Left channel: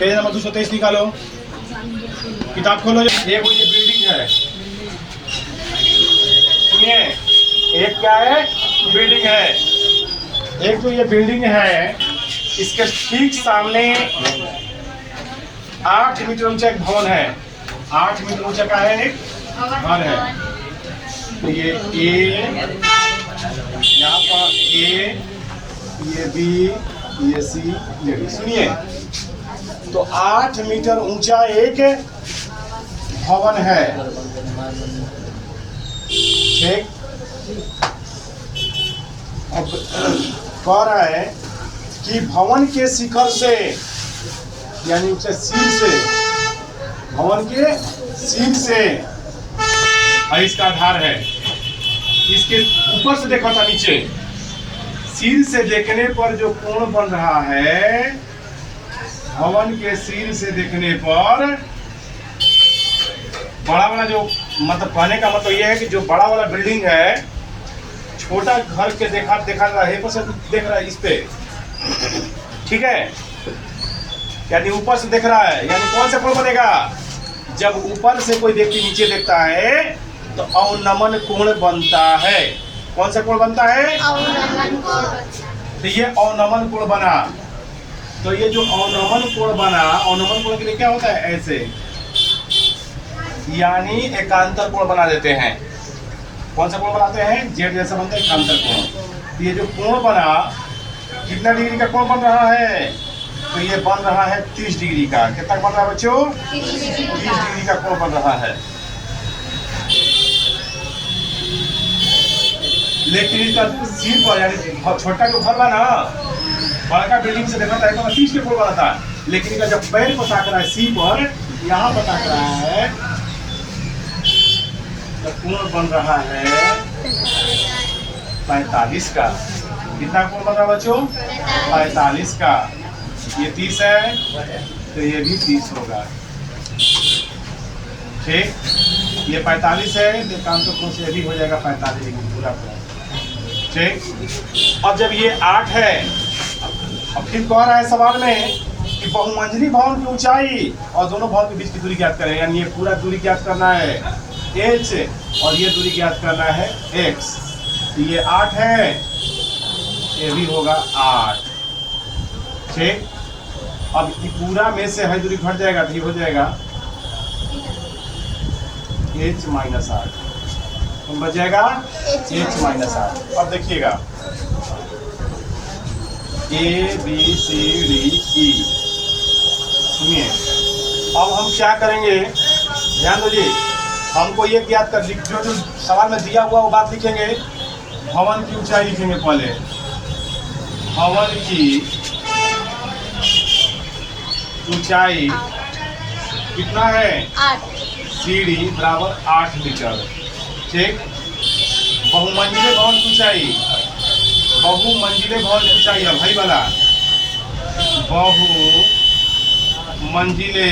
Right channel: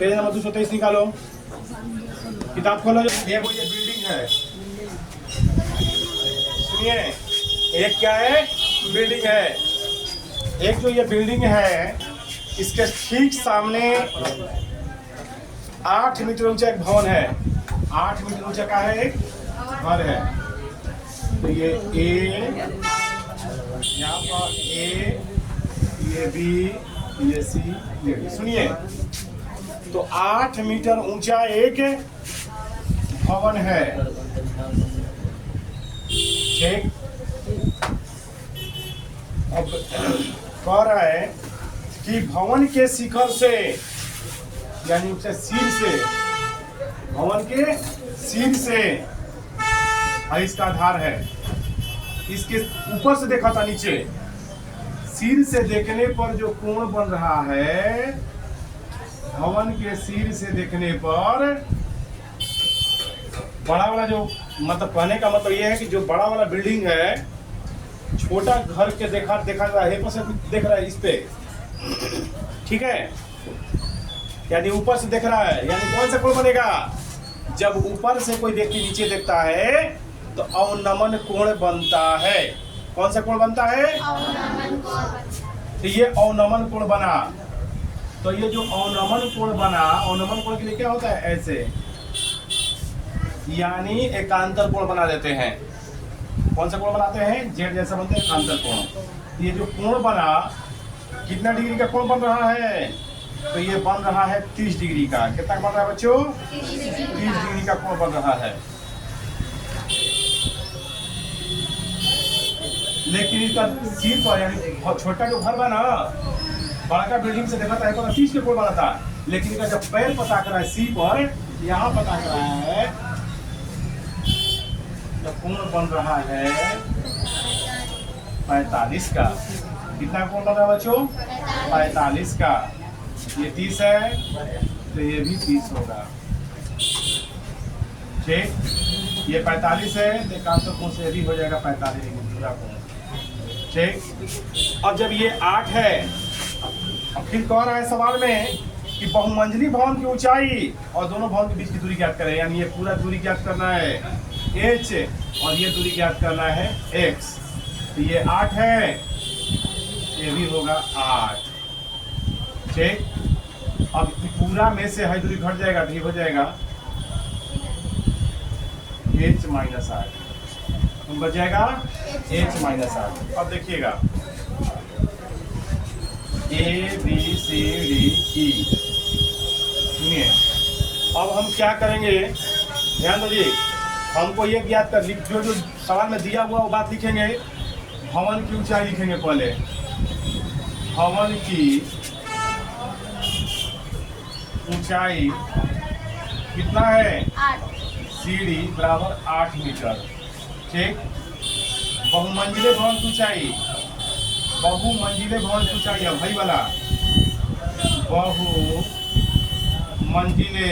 Page number 223 निकालो, किताब खोलो। ये बिल्डिंग है, सुनिए, एक क्या है, बिल्डिंग है। एक जो ये बिल्डिंग है, इसके ठीक सामने 8 मीटर ऊंचा एक भवन है। 8 मीटर ऊंचा का है, एक घर है। तो ये ए, यहाँ पर ए, ये बी, ये सी, ये डी। सुनिए, तो 8 मीटर ऊंचा एक भवन है, ठीक। अब कह रहा है कि भवन के शिखर से, यानी उससे सिर से, भवन के सिर से, और इसका आधार है, इसके ऊपर से देखा था नीचे, सिर से देखने पर जो कोण बन रहा है, भवन के सिर से देखने पर बड़ा वाला जो, मतलब कहने का मतलब ये है कि जो बड़ा वाला बिल्डिंग है, छोटा घर के देखा रहा है, ऊपर से देख रहा है इस पे, ठीक है, यानी ऊपर से देख रहा है, यानी कौन सा कोण बनेगा, जब ऊपर से कोई व्यक्ति नीचे देखता है तो अवनमन कोण बनता है। कौन सा कोण बनता है, अवनमन कोण। तो ये अवनमन कोण बना, तो ये जो अवनमन कोण बना, अवनमन कोण के लिए क्या होता है, ऐसे, यानी एकांतर कोण बना देते हैं। कौन सा कोण बनाते हैं, जेड जैसा बनता है, एकांतर कोण। ये जो कोण बना, कितना डिग्री का कोण बन रहा है, तो ये बन रहा है 30 डिग्री का। कितना बन रहा है बच्चों, 30 डिग्री का कोण बन रहा है। लेकिन इसका सिर पर, यानी छोटा जो घर बना, बड़ा बिल्डिंग से देखा था तो 30 के कोण बना था, लेकिन इसका जब पैर पर ताक रहा है, सी पर, यहाँ पर ताक रहा है, तो कोण बन रहा है 45 का। कितना कोण बन रहा है बच्चों, 45 का। ये 30 है, तो ये भी 30 होगा, ठीक। ये 45 है, तो एकांतर कोण से भी हो जाएगा 45 डिग्री पूरा, ठीक। अब जब ये 8 है, अब फिर कह रहा है सवाल में कि बहुमंजिली भवन की ऊंचाई और दोनों भवन के बीच की दूरी ज्ञात करें, यानी ये पूरा दूरी ज्ञात करना है h, और ये दूरी ज्ञात करना है x। तो ये 8 है, ये भी होगा 8, ठीक। अब ये पूरा में से है दूरी घट जाएगा, तो ये हो जाएगा h - 8, बच जाएगा h - 8। अब देखिएगा, A B C D E, सुनिए, अब हम क्या करेंगे, ध्यान दीजिए, हमको ये ज्ञात कर, जो सवाल में दिया हुआ वो बात लिखेंगे। भवन की ऊंचाई लिखेंगे पहले, भवन की ऊंचाई कितना है, 8, सीढ़ी बराबर 8 मीटर, ठीक। बहुमंजिले भवन की ऊंचाई, बहुमंजिले भवन की ऊंचाई है भाई वाला, बहुमंजिले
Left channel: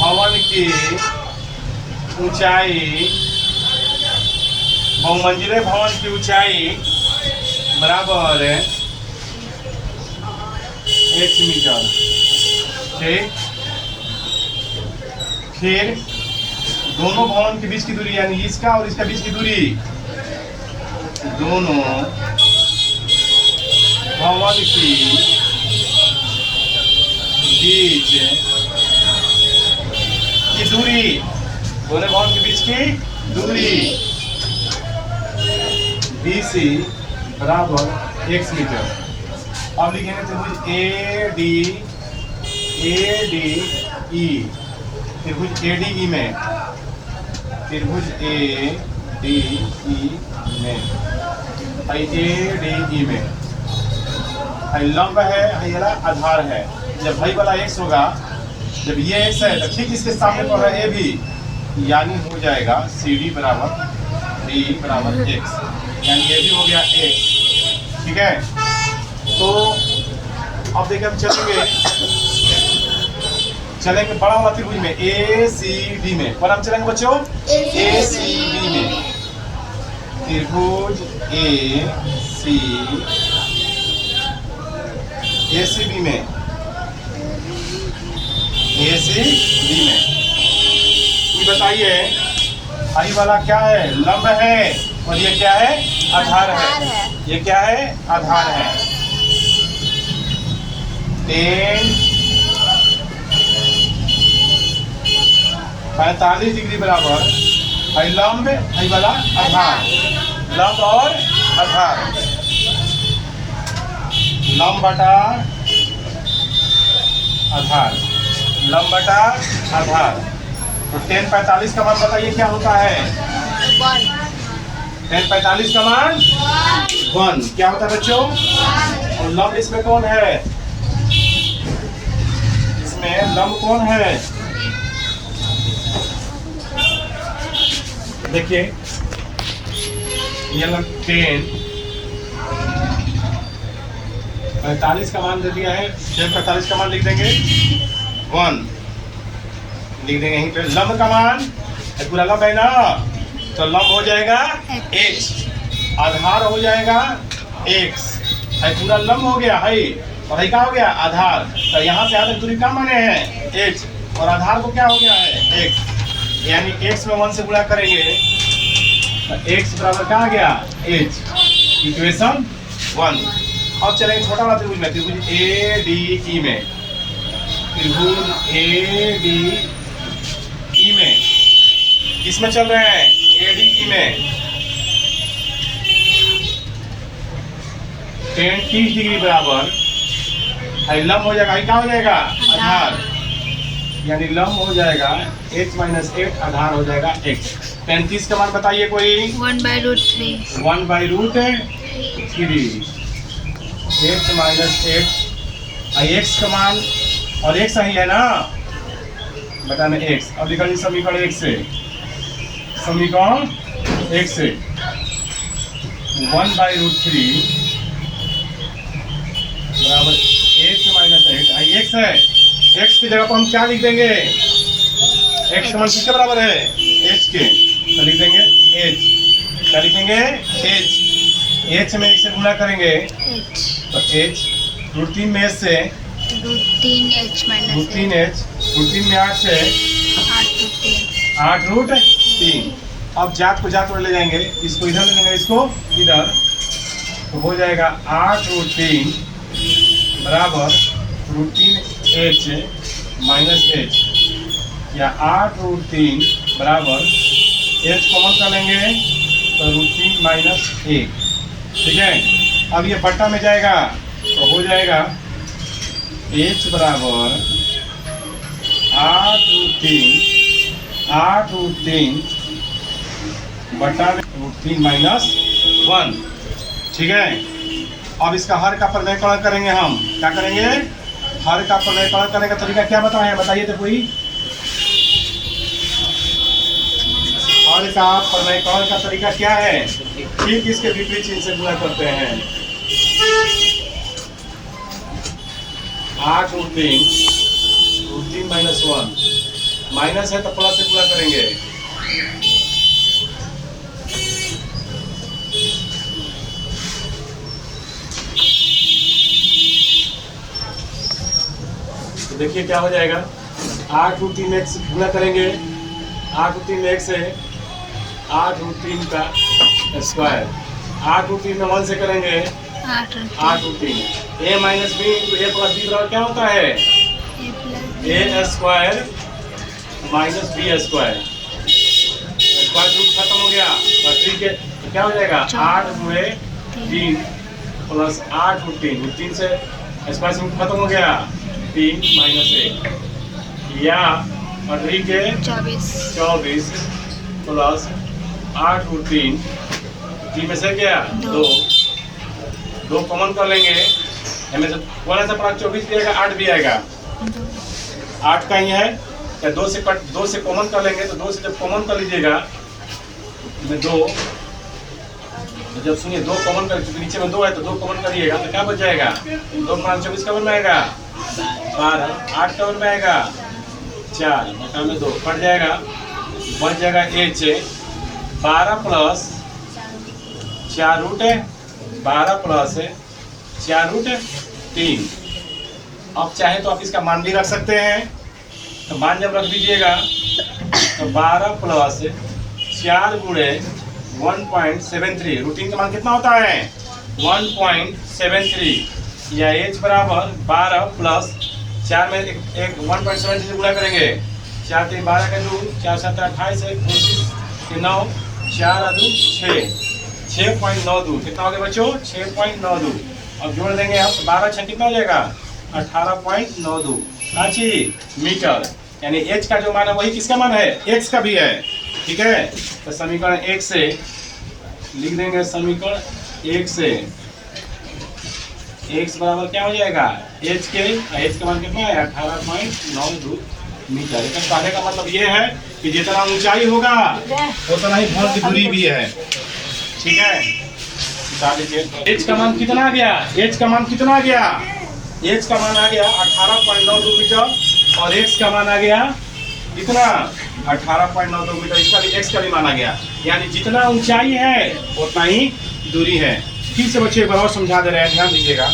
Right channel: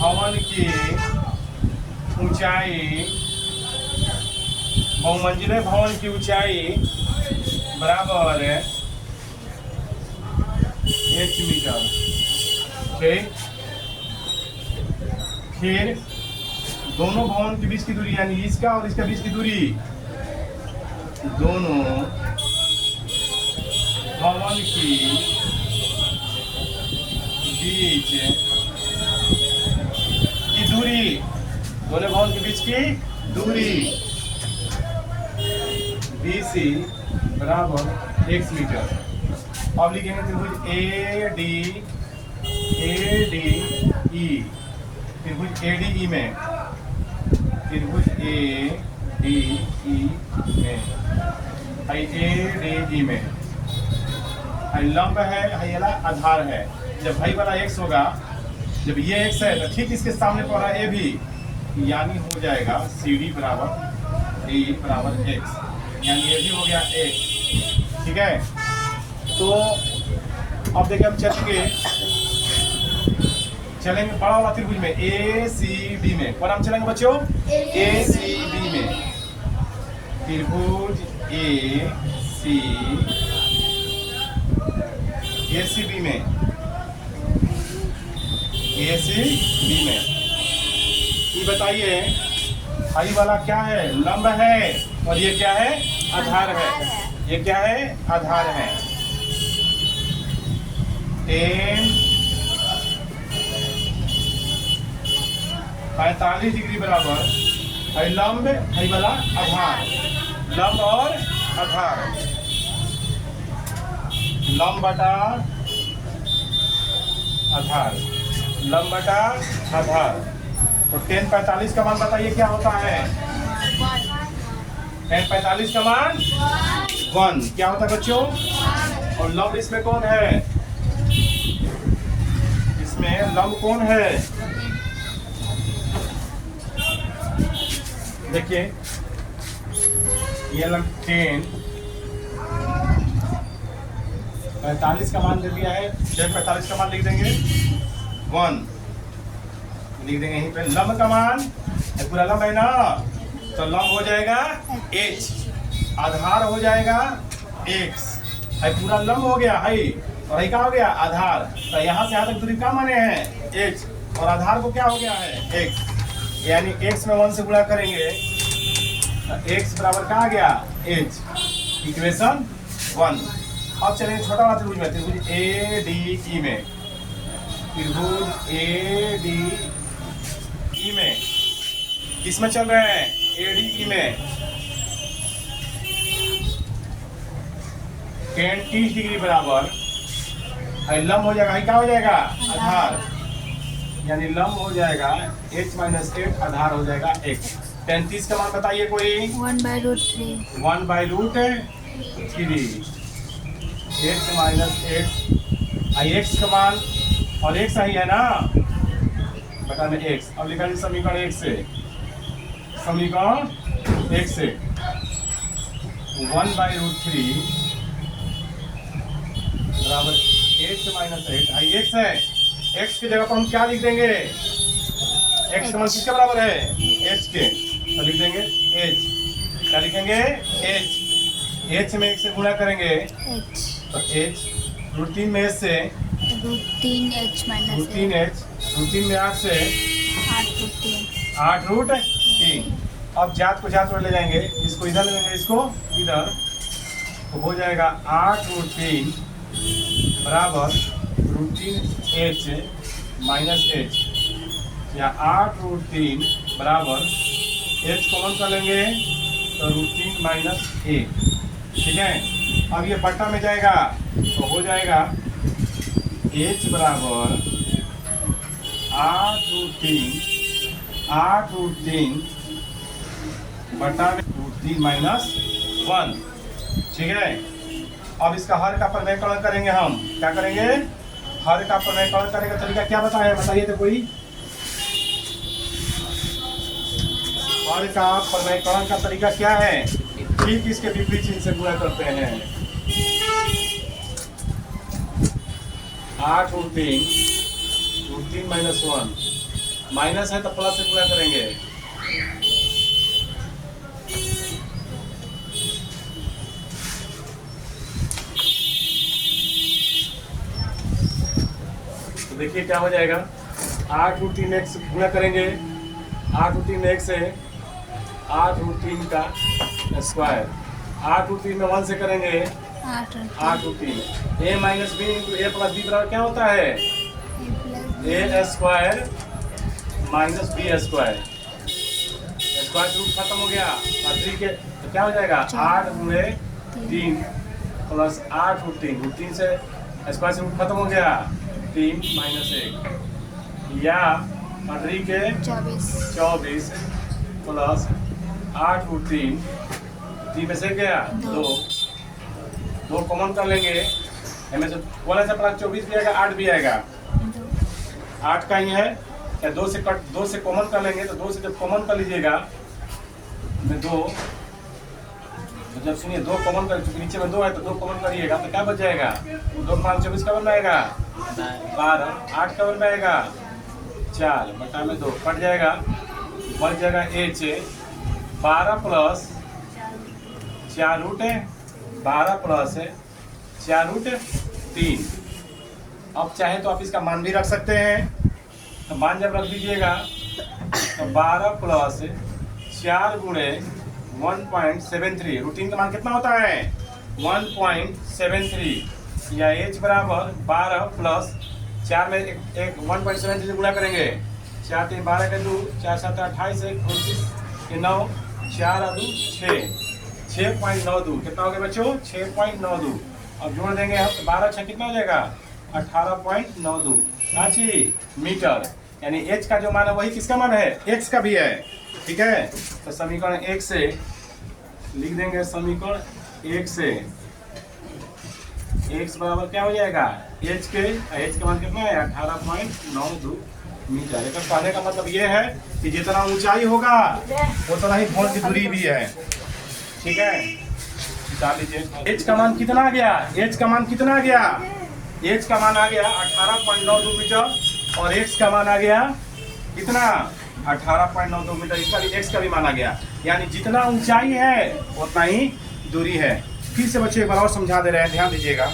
भवन की ऊंचाई, बहुमंजिले भवन की ऊंचाई बराबर h मीटर, ठीक। फिर दोनों भवन के बीच की दूरी, यानी इसका और इसका बीच की दूरी, दोनों भवन की बीच की दूरी, दोनों भवन के बीच की दूरी BC बराबर x मीटर। अब लिखेंगे त्रिभुज ADE, त्रिभुज ADE में, त्रिभुज ADE में लंब है, ये आधार है। जब भाई वाला x होगा, जब ये x है तो ठीक इसके सामने पर है a भी, यानी हो जाएगा CD बराबर D बराबर x, यानी ये भी हो गया x, ठीक है। तो अब देखिए हम चलेंगे बड़ा हुआ त्रिभुज में ACD में, और हम चलेंगे बच्चों ACD में, त्रिभुज ACD ACB में, ACB में। ये बताइए आई वाला क्या है? लंब है, और ये क्या है? आधार है। ये क्या है? आधार है। 45 डिग्री बराबर है लंब, है वाला आधार। लंब और आधार, लंब बटा आधार, लंब बटा आधार। तो 10/45 का मान बताइए क्या होता है? 10/45 का मान 1 क्या होता है बच्चों? और लंब इसमें कौन है? इसमें लंब कौन है? देखिए ये लंब 10/45 का मान दे दिया है। 10/45 का मान लिख देंगे 1, लिख देंगे यहीं पे। लंब का मान पूरा लंब है ना, तो लंब हो जाएगा x, आधार हो जाएगा x। है पूरा लंब हो गया है, और है क्या हो गया? आधार। तो यहाँ से यहाँ तक दूरी क्या माने हैं? h, और आधार को क्या हो गया है? x। यानी x में 1 से गुणा करेंगे तो x बराबर क्या आ गया? h। इक्वेशन 1। अब चलेंगे छोटा वाला त्रिभुज में, त्रिभुज ADE में, त्रिभुज ADE में। इसमें चल रहे हैं ADE में 30 डिग्री बराबर है लंब हो जाएगा, क्या हो जाएगा? आधार। यानी लंब हो जाएगा h - 8, आधार हो जाएगा x। 35 का मान बताइए कोई? 1/√3। 1/√3 h - 8 x का मान, और x सही है ना, बताना x। अब लिखा जी समीकरण 1 से, समीकरण 1 से 1/√3 बराबर h - 8 x है। x की जगह पर हम क्या लिख देंगे? x का मान किसके बराबर है? h के, तो लिख देंगे h। क्या लिखेंगे? h। h में 1 से गुणा करेंगे तो h, √3 में h से √3h - √3h, √3 में 8 से 8√3। अब जात को जात में ले जाएंगे, इसको इधर ले जाएंगे, इसको इधर, तो हो जाएगा 8√3 बराबर √3h - h, या 8√3 बराबर h कॉमन कर लेंगे तो √3 - 1। ठीक है। अब ये बट्टा में जाएगा तो हो जाएगा h बराबर 8√3 बटा √3 - 1। ठीक है। अब इसका हर का प्रमेयकरण करेंगे हम। क्या करेंगे? हर का प्रमेयकरण करने का तरीका क्या बताएं? बताइए तो कोई। हर का प्रमेयकरण का तरीका क्या है? ठीक इसके विपरीत चिन्ह से गुणा करते हैं। 8√3 - 1 माइनस है तो प्लस से गुणा करेंगे। तो देखिए क्या हो जाएगा, 8√3 x गुणा करेंगे, 8√3 x है 8√3 का स्क्वायर, 8√3 में 1 से करेंगे 8√3। a - b × a + b बराबर क्या होता है? a² - b²। स्क्वायर रूट खत्म हो गया तो 3 के तो क्या हो जाएगा? 8×3 + 8√3 से स्क्वायर रूट खत्म हो गया 3 - 1, या 3 के 24 प्लस 8√3, 3 में से गया 2 कॉमन कर लेंगे, हमें से 1 से 24 भी आएगा, 8 भी आएगा। 8 का ही है, 2 से कॉमन कर लेंगे, तो 2 से जब कॉमन कर लीजिएगा में 2, तो जब सुनिए 2 कॉमन कर, क्योंकि नीचे में 2 है तो 2 कॉमन करिएगा तो क्या बच जाएगा? 2 × 24 कवर में आएगा 12, 8 कवर में आएगा 4, बटा में 2 कट जाएगा, बच जाएगा h 12 + 4√, 12 + 4√3, अब चाहे तो आप इसका मान भी रख सकते हैं। तो मान जब रख दीजिएगा तो 12 प्लस 4 गुणे 1.73, रूटीन का मान कितना होता है 1.73, या एच बराबर 12 प्लस 4 में एक 1.73 गुणा करेंगे, 4 3 12 का 2, 4 7 28 है 29 9 4 2 6, 6.92 कितना हो गया बच्चों 6.92। अब जोड़ देंगे हम 12 6 कितना हो जाएगा 18.92 रांची मीटर, यानी h का जो मान है वही किसका मान है x का भी है। ठीक है, तो समीकरण 1 से लिख देंगे, समीकरण 1 से x बराबर क्या हो जाएगा h का मान कितना है 18.92 मीटर। इसका कहने का मतलब ये है कि जितना ऊंचाई होगा उतना ही भवन की दूरी भी है। ठीक है, h का मान कितना आ गया, h का मान कितना आ गया, h का मान आ गया 18.92 मीटर और x का मान आ गया कितना 18.92 मीटर। इसका भी x का भी मान आ गया, यानी जितना ऊंचाई है उतना ही दूरी है। फिर से बच्चे एक बार और समझा दे रहे हैं, ध्यान दीजिएगा।